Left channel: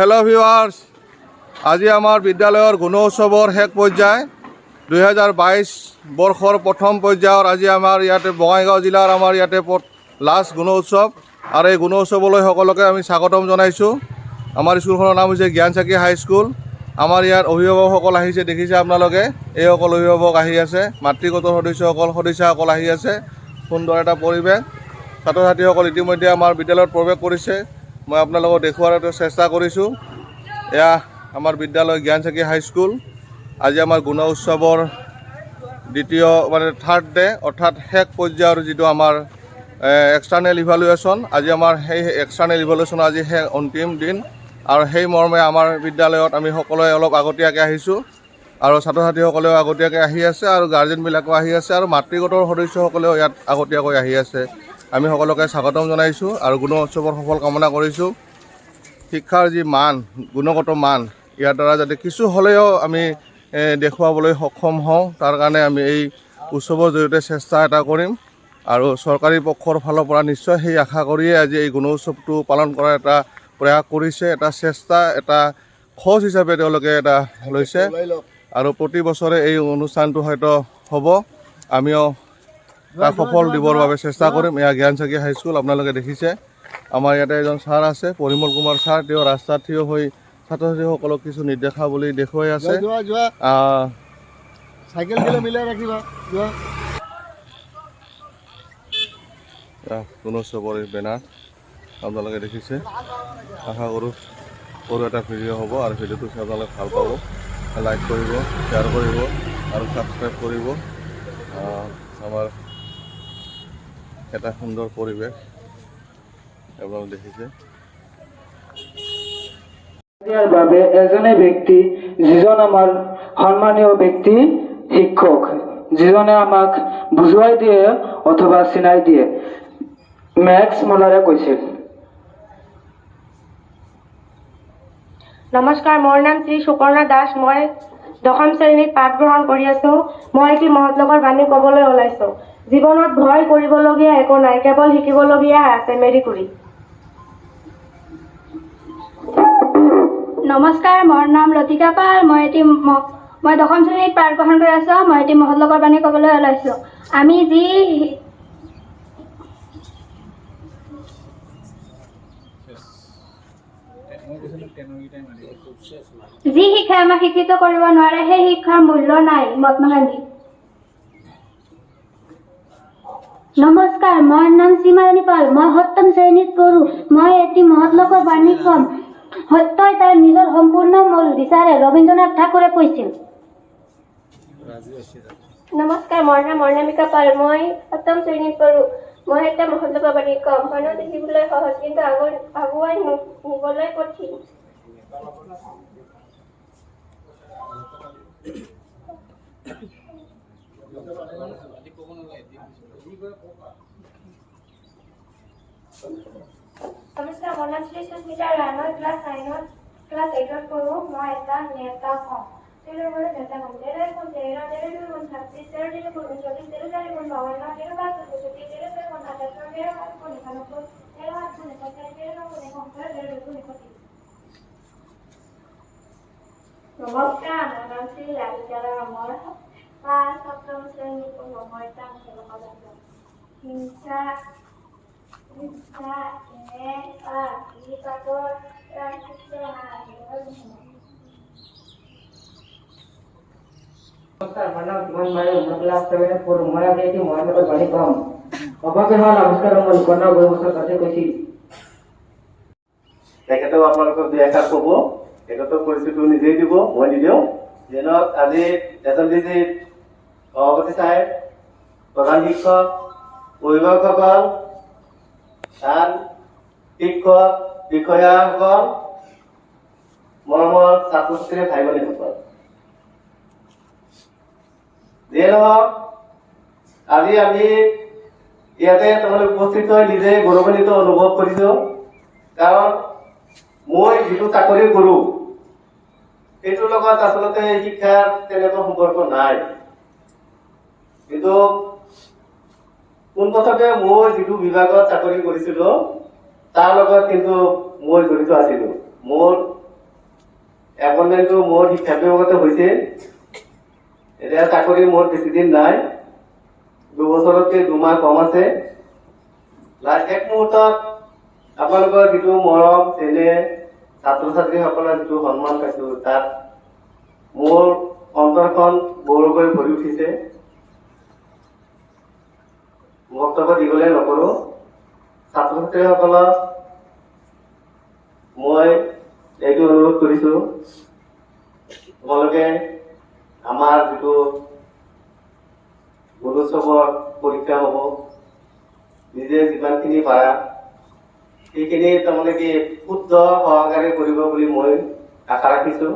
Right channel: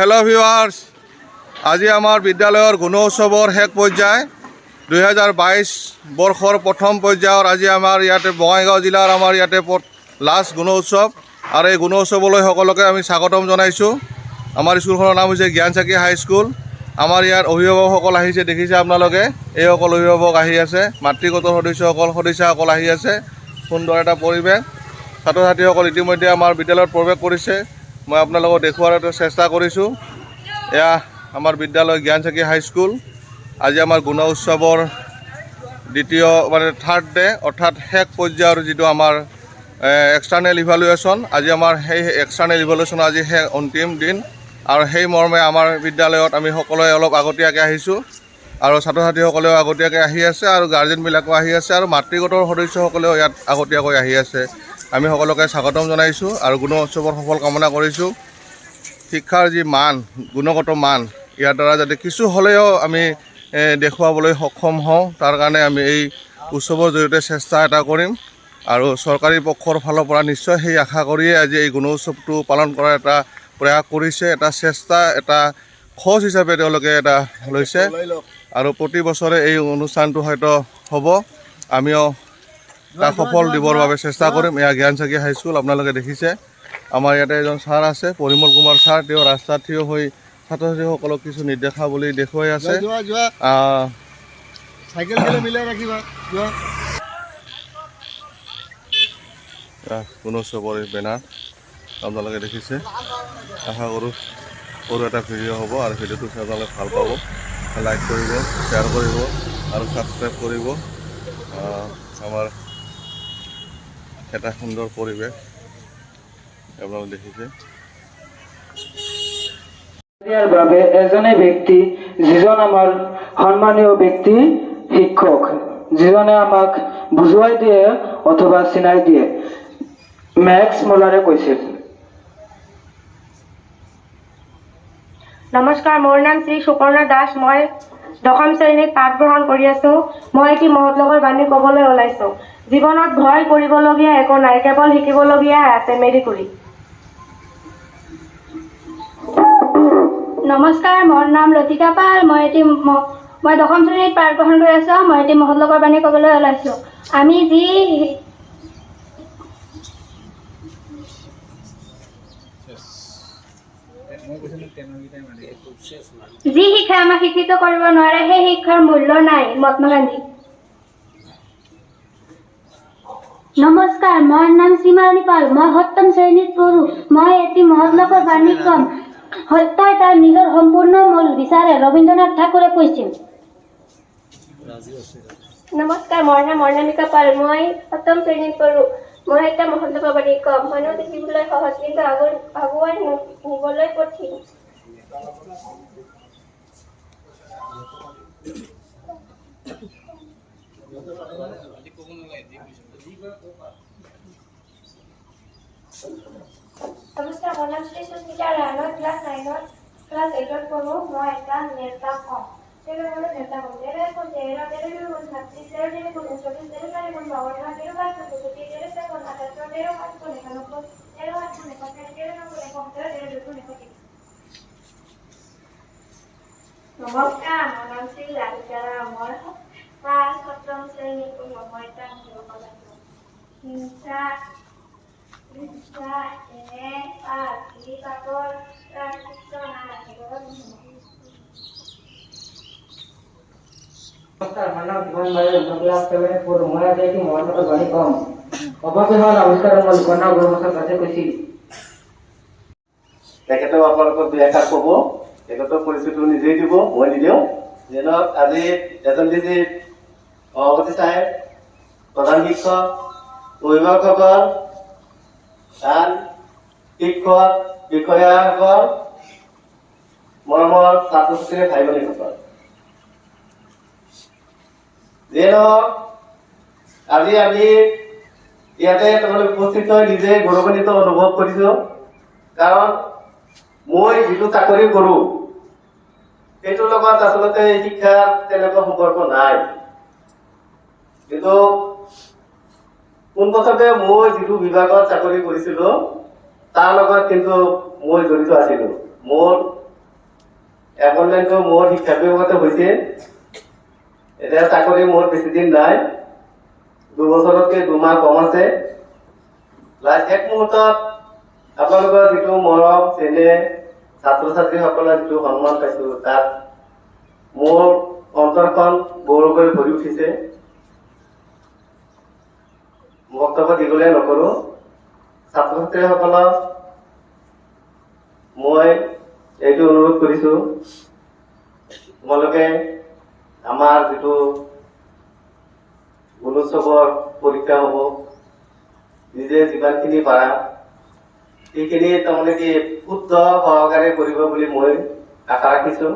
Hello viewers, আজি আমাৰ বিদ্যালয়ৰ গুণোৎসৱৰ শেষ পৰ্যায় 2022 বৰ্ষৰ প্ৰথম পৰ্যায়ৰ আজি আমাৰ ইয়াতে বঙাইগাঁও জিলাৰ আমাৰ ইয়াতে লাষ্ট গুণোৎসৱ আৰু এই গুণোৎসৱলৈ সকলোকে আমি স্বাগতম জনাইছোঁ। আমাৰ স্কুলখনৰ নাম হৈছে জ্ঞানচাকি হাইস্কুল। আমাৰ ইয়াত অভিভাৱকসকল আহিছে, দেখিছে আপোনালোকে, এইসকল অভিভাৱক আহি আছে, মাতৃগত সদস্যসকল আহি আছে। সুন্দৰ এটা পৰিৱেশ। ছাত্ৰ ছাত্ৰীসকল ইতিমধ্যে আমাৰ বিদ্যালয়ত প্ৰৱেশ কৰিছে। মই আপোনালোকক দেখুৱাৰ চেষ্টা কৰিছোঁ। এয়া আমাৰ বিদ্যালয় জ্ঞানচাকি হাইস্কুল। আজি আমাৰ গুণোৎসৱৰ দ্বিতীয় থাৰ্ড ডে, অৰ্থাৎ শেষ পৰ্যায়ৰ যিটো আমাৰ এক্সটাৰ্নেল ইভালুৱেশ্যন। আজি আমাৰ সেই এক্সটাৰ্নেল ইভালুৱেশ্যনৰ আজি অন্তিম দিন আৰু সেই মৰ্মে আমাৰ বিদ্যালয়ত আমি সকলোৱে অলপ আগতীয়াকৈ আহিছোঁ আৰু ছাত্ৰ ছাত্ৰীসকলেও আগতীয়াকৈ আহি আছে আৰু গাৰ্জেনবিলাকো আহি আছে আৰু মাতৃগত সদস্যসকলেও ইয়াত আগতীয়াকৈ আহি আছে। আমি সকলোকে স্বাগতম জনাইছোঁ আৰু গুণোৎসৱৰ সফল কামনা কৰিছোঁ। শিক্ষাৰ যি মান, গুণগত মান, ইয়াৰ দ্বাৰা যাতে কিছু হ'লেও আমি দেখুৱাবলৈ সক্ষম হওঁ, তাৰ কাৰণে আমি এই উৎসৱৰ জৰিয়তে চেষ্টা এটা কৰিম আৰু চৰকাৰী পক্ষৰ ফালৰ পৰা নিশ্চয় সেই আশা কৰিয়ে আজি এই গুণোৎসৱটো পালন কৰাৰ এটা প্ৰয়াস কৰিছে, এটা চেষ্টা, এটা খোজ হিচাপে তেওঁলোকে এটা লৈছে আৰু প্ৰতি বছৰে এই অনুষ্ঠানটো হয়তো হ'ব। আমিও তাক সফল দিবৰ বাবে চেষ্টা কৰিম। এয়া জ্ঞানচাকি হাইস্কুল, আপোনালোকে দেখিছে। আমাৰ ইয়াতে এজন ছাৰ আছে, পৰিমল কুমাৰ ছাৰ। তেওঁ ৰাস্তাত থিয় হৈ ছাত্ৰ ছাত্ৰীসকলক কিছু নিৰ্দেশাৱলী দেখুৱাই আছে। গুণোৎসৱৰ বেনাৰ আপোনালোকে দেখিছে। আশা কৰোঁ সৰু এটা ভিডিঅ' হ'ব আৰু ভিডিঅ'টো চাই আপোনালোকে ভাল পাব। লাইক কৰিব, শ্বেয়াৰ কৰিব আৰু ছাবস্ক্ৰাইব কৰিব। আমাৰ এটা সুন্দৰ পৰিৱেশ আপোনালোকে দেখিছে। বাবে এজনে ব্যক্তি, যিজন আমাৰ সন্মানীয় ব্যক্তি, শিক্ষক, যিজনে আমাক বুজুৱাই দিয়ে অথবা চিনাই দিয়ে, মেক্স মুলাৰে কৈছিল। নমস্কাৰ, মোৰ নাম শ্ৰী সুপৰ্ণা দাস। মই দশম শ্ৰেণীত পাঠ গ্ৰহণ কৰি আছোঁ। মই এটি মহৎ লোকৰ বাণী ক'বলৈ ওলাইছোঁ। জীৱনত ভয় কৰিবলগীয়া একো নাই, কেৱল শিকিবলগীয়া আছে মেৰি কুৰী। নমস্কাৰ, মোৰ নাম লতিকা পাল। মই দশম শ্ৰেণীত পাঠ গ্ৰহণ কৰি আছোঁ। মই এটি মহৎ লোকৰ বাণী ক'বলৈ ওলাইছোঁ। আমি যি শিক্ষাই আমাক শিক্ষিত কৰিব নোৱাৰে, সেই শিক্ষাৰ মূল্য নাই। মহাত্মা গান্ধী। নমস্কাৰ, মোৰ নাম সীমাৰাণী পাল। মই সপ্তম শ্ৰেণীত পঢ়োঁ। মই এটি মহৎ লোকৰ বাণী ক'ম। সত্যই তাৰ নিজৰ সম্পূৰ্ণ মূল বিচাৰে, ৰবীন্দ্ৰনাথ ঠাকুৰে কৈছিল। নমস্কাৰ, মোৰ নাম মৰ্ণামিকা পাল। মই সপ্তম শ্ৰেণীত পঢ়োঁ। মই এটা মহৎ লোকৰ বাণী ক'ম। মানুহ দেখিবলৈ সহজ, কিন্তু আগুৱাই নিবলৈ কঠিন। নমস্কাৰ, মোৰ নাম শ্ৰী সুস্মিতা ৰায়। মই ক্লাছ 8ত পঢ়োঁ। মই এটা নেতা হওঁ। নমস্কাৰ, মোৰ নাম শ্ৰী ৰাধিকা ৰায়। মই ক্লাছ 7ম শ্ৰেণীত পঢ়োঁ। মই এটা মহৎ লোকৰ বাণী ক'ম। হিংসা এনে পাপৰ প্ৰায়শ্চিত্ত নাই। নমস্কাৰ, মোৰ নাম কিমান নাৰী। মই ক্লাছ 7ত পঢ়োঁ। মই আজি এটি মহৎ লোকৰ বাণী ক'ম। অভাৱে হ'ল আৱিষ্কাৰৰ মূল, কন্যা গুৰুমুখৰ কাছে কৈছিল। তেখেতেও আপোনালোকক দুই এষাৰ ক'ব, তেখেতৰ পৰিচয়টো নিজেই দিব, মই নিদিওঁ। যেনক আজি এজন সভাপতি চাহেব, প্ৰধান শিক্ষক, অভিভাৱকসকল, আন শিক্ষক, বিষয়াসকল, মৰমৰ ছাত্ৰ ছাত্ৰী ভাই ভনীসকল, যেনক আজি আমি ইয়াতে তোমালোক উপস্থিত হৈ নিজে গৌৰৱান্বিত অনুভৱ কৰিছোঁ। কাৰণ মই যিটো চাকৰি কৰোঁ সেইটোৰ লগত আচলতে শিক্ষাৰ তেনেকুৱা সম্পৰ্ক নাই, কিন্তু পোনপ্ৰথমে মই যিটো বিভাগত চাকৰি কৰিছিলোঁ তাৰ লগত কিন্তু মই জড়িত আছিলোঁ। মোৰ এপইণ্টমেণ্টটো মোৰ শিক্ষা বিভাগতে হৈছে। এতিয়া চাকৰি মোৰ বেছি দিন নাই, 2 বছৰতকৈ 2 মাহ কম আছে। লাষ্ট এক মুহূৰ্তত আপোনালোকৰ যিটো মৰম চেনেহ, ছাত্ৰ ছাত্ৰীসকলৰ যিটো সন্মান পাইছোঁ, তাত মোৰ অন্তৰখন গৌৰৱেৰে ভৰি উঠিছে। বক্তব্য দীঘলীয়া নকৰোঁ। ছাত্ৰ ছাত্ৰীসকলক মই এইটো অনুৰোধ কৰিছোঁ, তোমালোকে আমাৰ যিটো গুণোৎসৱৰ পৰীক্ষা হ'ব, নিজে যিমানখিনি পাৰা সেইখিনি তাৰমানে কি শুদ্ধ সহকাৰে কৰিব বুলি মই আশা ৰাখিছোঁ।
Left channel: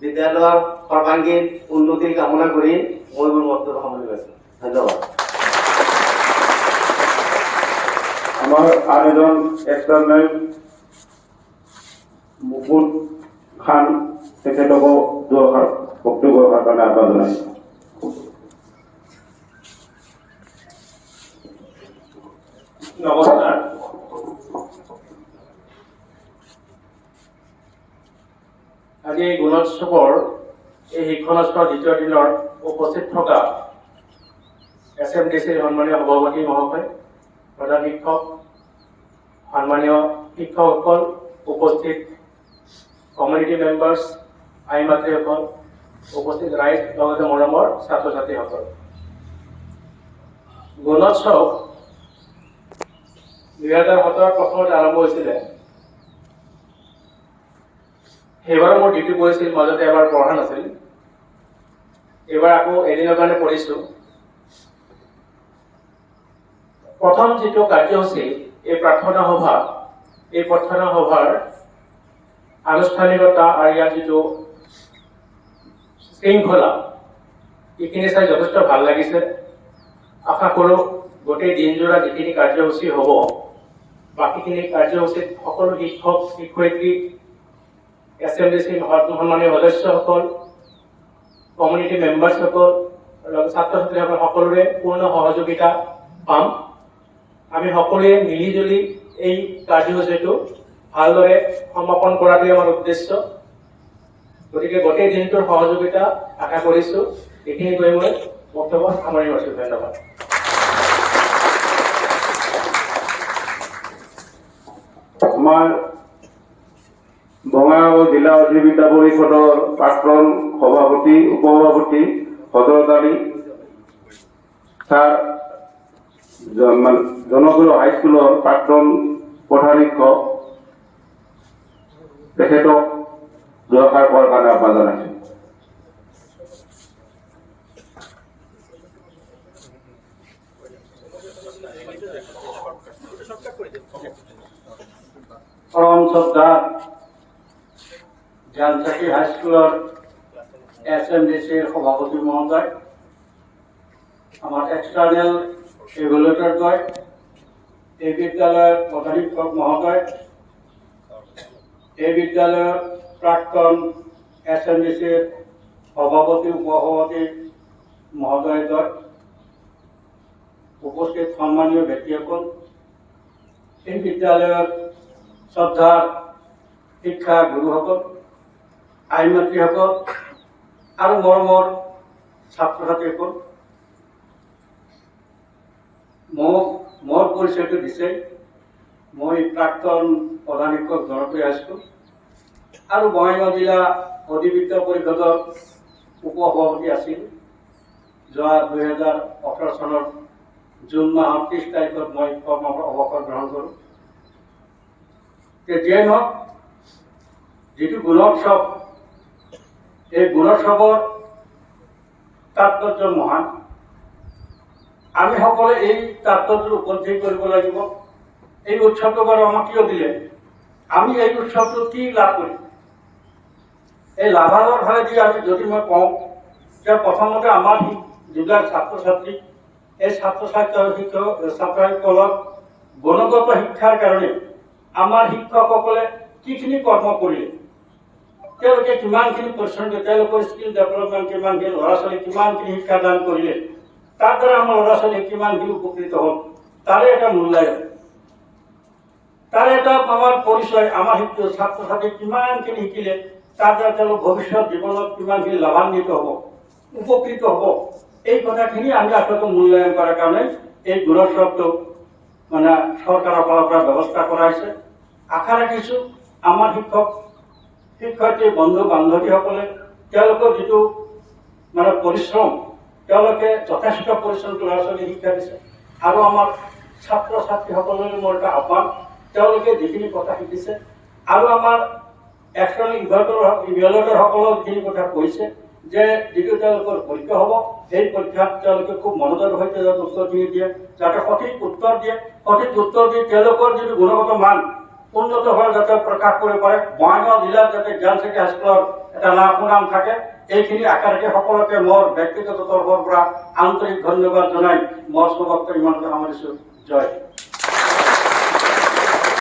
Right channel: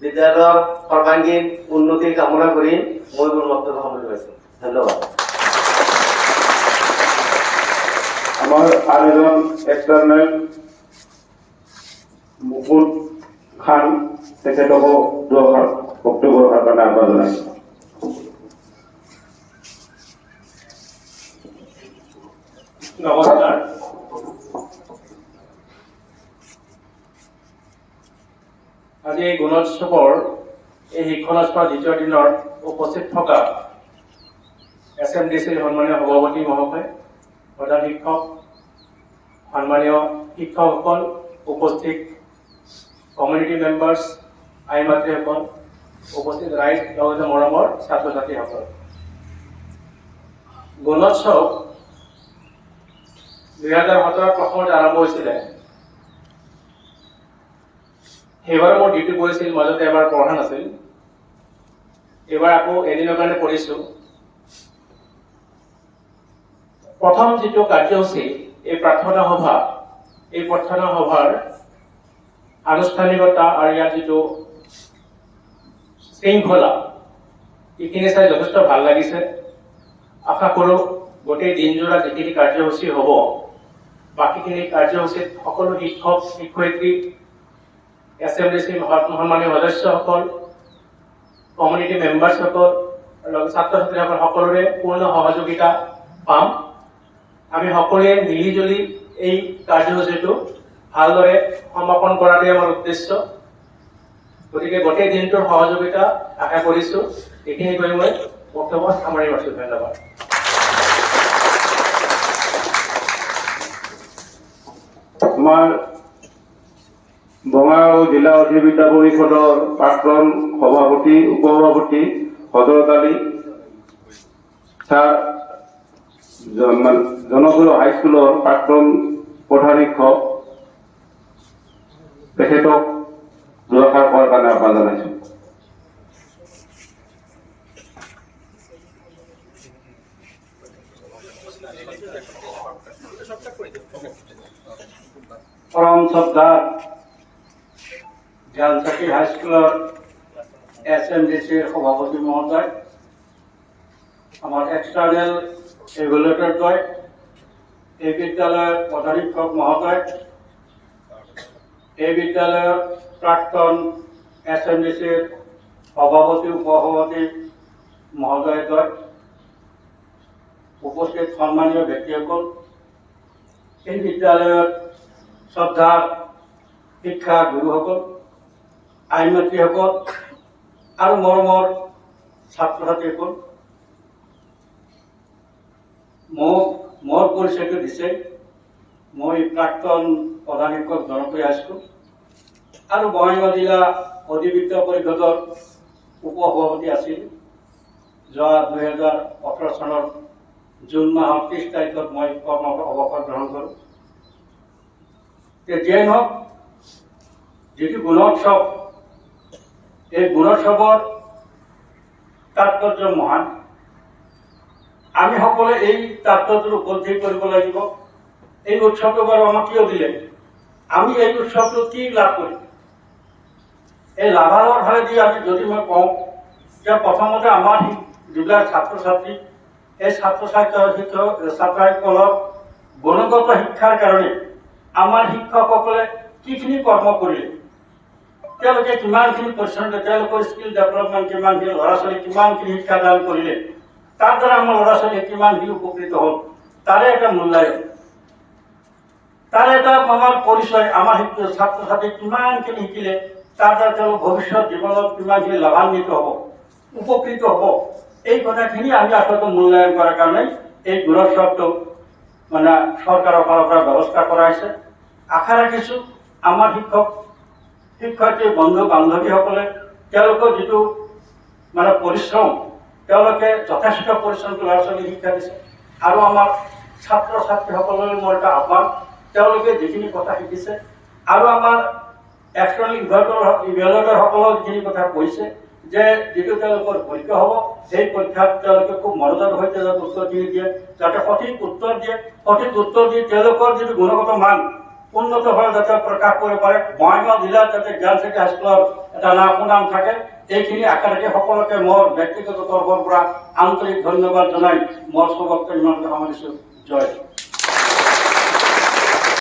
বিদ্যালয়ৰ সৰ্বাংগীন উন্নতি কামনা কৰি মই মোৰ বক্তব্য সামৰি লৈছোঁ। ধন্যবাদ। আমাৰ আন এজন এক্সটাৰ্নেল মুকুল খান, তেখেতকো দুআষাৰ বক্তব্য ৰখাৰ কাৰণে আহ্বান জনাইছোঁ। নমস্কাৰ। আজি এই গুণোৎসৱৰ এই শিক্ষণাস্পদ দ্বিতীয় দিনৰ উপস্থিত থকা SMDC সন্মানীয় সভাপতি মহোদয়, প্ৰধান শিক্ষক, সন্মানীয় শিক্ষকসকল, উপস্থিত কমিউনিটি মেম্বাৰ্ছ, আই মাতৃসকল, উপস্থিত ৰাইজ, লগতে মৰমৰ ছাত্ৰ ছাত্ৰীসকল। গুণোৎসৱ 2017 প্ৰথমতে আৰম্ভ হৈছিলে। সেইবাৰ মোৰ ডিউটি পৰিছিল, মাজতে এবাৰ পঢ়া নাছিল। এইবাৰ আকৌ এদিনৰ কাৰণে পঢ়িছোঁ। প্ৰথম যিটো কাৰ্যসূচী, এই প্ৰাৰ্থনা সভা, এই প্ৰাৰ্থনা সভাৰ আনুষ্ঠানিকতা আৰু ইয়াৰ যিটো শৃংখলা, এইখিনি চাই যথেষ্ট ভাল লাগিছে। আশা কৰোঁ গোটেই দিনজোৰা যিখিনি কাৰ্যসূচী হ'ব, বাকীখিনি কাৰ্যসূচীত সকলো শিক্ষক শিক্ষয়িত্ৰী, SMDC সন্মানীয় সদস্যসকল, কমিউনিটি মেম্বাৰ্ছসকল, ছাত্ৰ ছাত্ৰীসকল সকলোৰে পূৰ্ণ সহযোগিতা পাম। আমি সকলোৱে মিলিজুলি এই কাৰ্যসূচীটো ভালদৰে সমাপন কৰাটোৱে আমাৰ উদ্দেশ্য। গতিকে গোটেই দিনটোৰ সহযোগিতা আশা কৰিছোঁ। এইখিনি কৈ মই বক্তব্য সামৰি মাৰিছোঁ। ধন্যবাদ। আমাৰ বঙাইগাঁও জিলা অধিবিদ্যা পৰিষদৰ প্ৰাক্তন সভাপতি, উপসভাপতি হজৰত আলী ছাৰ, জনসুৰ হাইস্কুলৰ প্ৰাক্তন প্ৰধান শিক্ষক, তেখেতক দুআষাৰ কোৱাৰ কাৰণে আহ্বান জনাইছোঁ। পৰম শ্ৰদ্ধা জ্ঞানচাকী হাইস্কুলৰ SMDCৰ সভাপতি মহোদয়, আমাৰ এক্সটাৰ্নেল ইভেলুৱেটৰদ্বয়, এই বিদ্যালয়ৰ প্ৰধান শিক্ষক মহোদয়, এই বিদ্যালয়ৰ প্ৰাক্তন SMDCৰ সভাপতি উপসভাপতি মহোদয়দ্বয়, উপস্থিত সন্মানীয় ব্যক্তিসকল, এই বিদ্যালয়ৰ শ্ৰদ্ধাৰ শিক্ষা গুৰুসকল, আই মাতৃসকল আৰু মৰমৰ ছাত্ৰ ছাত্ৰীসকল, মোৰ পৰিচয়টো দিছে। মই প্ৰাক্তন প্ৰধান শিক্ষক জনপ্ৰিয় হাইস্কুল আৰু বঙাইগাঁও জিলা অধিবিদ্যা পৰিষদৰ উপসভাপতি আছিল। যোৱা 2018 চনৰ জুন মাহৰ 30 তাৰিখত মই কৰ্মৰ অৱসৰ গ্ৰহণ কৰোঁ। যিয়ে নহওক, যিটো গুণোৎসৱ, এই গুণোৎসৱৰ তাৎপৰ্য মহান। আমি সকলোৱে এই তাৎপৰ্য উপলব্ধি কৰিব লাগিব। এই উৎসৱটো বাৰু আমাক কিয় দিলে, আমি এই উৎসৱটো কি লাভ কৰিম, এই লাভালাভৰ ফালেদি আমি যদি মই কওঁ যে প্ৰথমতে আমাৰ যিবিলাক ছাত্ৰ ছাত্ৰী, এই ছাত্ৰ ছাত্ৰীসকলক গুণগত শিক্ষাৰ কাৰণে আমাৰ শিক্ষকসকলে কিখিনি কৰ্ম কৰিলে, তেওঁলোকে কিমানখিনি পৰিশ্ৰম কৰিলে, তেওঁলোকৰ স্কিল ডেভেলপমেণ্ট কিমানখিনি, ল'ৰা ছোৱালীক কিমানখিনি শিক্ষাদান কৰিলে, তাৰ দ্বাৰা আমাৰ ল'ৰা ছোৱালী কিমানখিনি উপকৃত হ'ল, তাৰে এটা মূল্যায়ন। তাৰে এটা আমাৰ পৰিচয়, আমাৰ ছাত্ৰ ছাত্ৰী কিমানখিনি শিকিলে তাৰ দ্বাৰা তেওঁলোক ভৱিষ্যত জীৱনত কিমানখিনি লাভান্বিত হ'ব, উপকৃত হ'ব, এই কথাখিনি আমি আচলতে মূল্যায়ন কৰাৰ কাৰণে এই গুণোৎসৱটো মানে চৰকাৰৰ ফালৰ পৰা ব্যৱস্থা কৰাইছে। আশা ৰাখিছোঁ আমাৰ শিক্ষক শিক্ষয়িত্ৰী বন্ধু বান্ধৱীসকলে তেওঁলোকৰ যিটো মানে পৰিশ্ৰম, তেওঁলোকে যথেষ্ট পৰিশ্ৰম ল'ৰা ছোৱালী শিক্ষা দিছে। আৰু আমাৰ ছাত্ৰ ছাত্ৰীসকলৰ মোৰ এটা আহ্বান, তেওঁলোকে যিখিনি কথা শিকিছে আৰু আমাৰ এক্সটাৰ্নেল ইভেলুৱেটৰসকলেও যিখিনি কথা কৈছে যে যিটো তেওঁলোকৰ পৰীক্ষা হ'ব, সেই পৰীক্ষাত তেওঁলোকে খুব মনোযোগৰ সৈতে যাতে উত্তৰখিনি দিয়ে, যাতে সঠিক উত্তৰ দিয়ে, সঠিক উত্তৰ দি তেওঁলোকৰ যিটো গুণগত মান উন্নতভাৱে যাতে প্ৰকাশ কৰিব পাৰে, বঙাইগাঁও জিলাত যাতে জ্ঞান চিটি হাইস্কুলৰ এটা সুনাম থাকে, এইখিনি আশা ৰাখি সকলোকে মোৰ ব্যক্তিগত তৰফৰ পৰা আন্তৰিক ধন্যবাদ জনাই মোৰ বক্তব্য ইমানতে সামৰিছোঁ। জয়।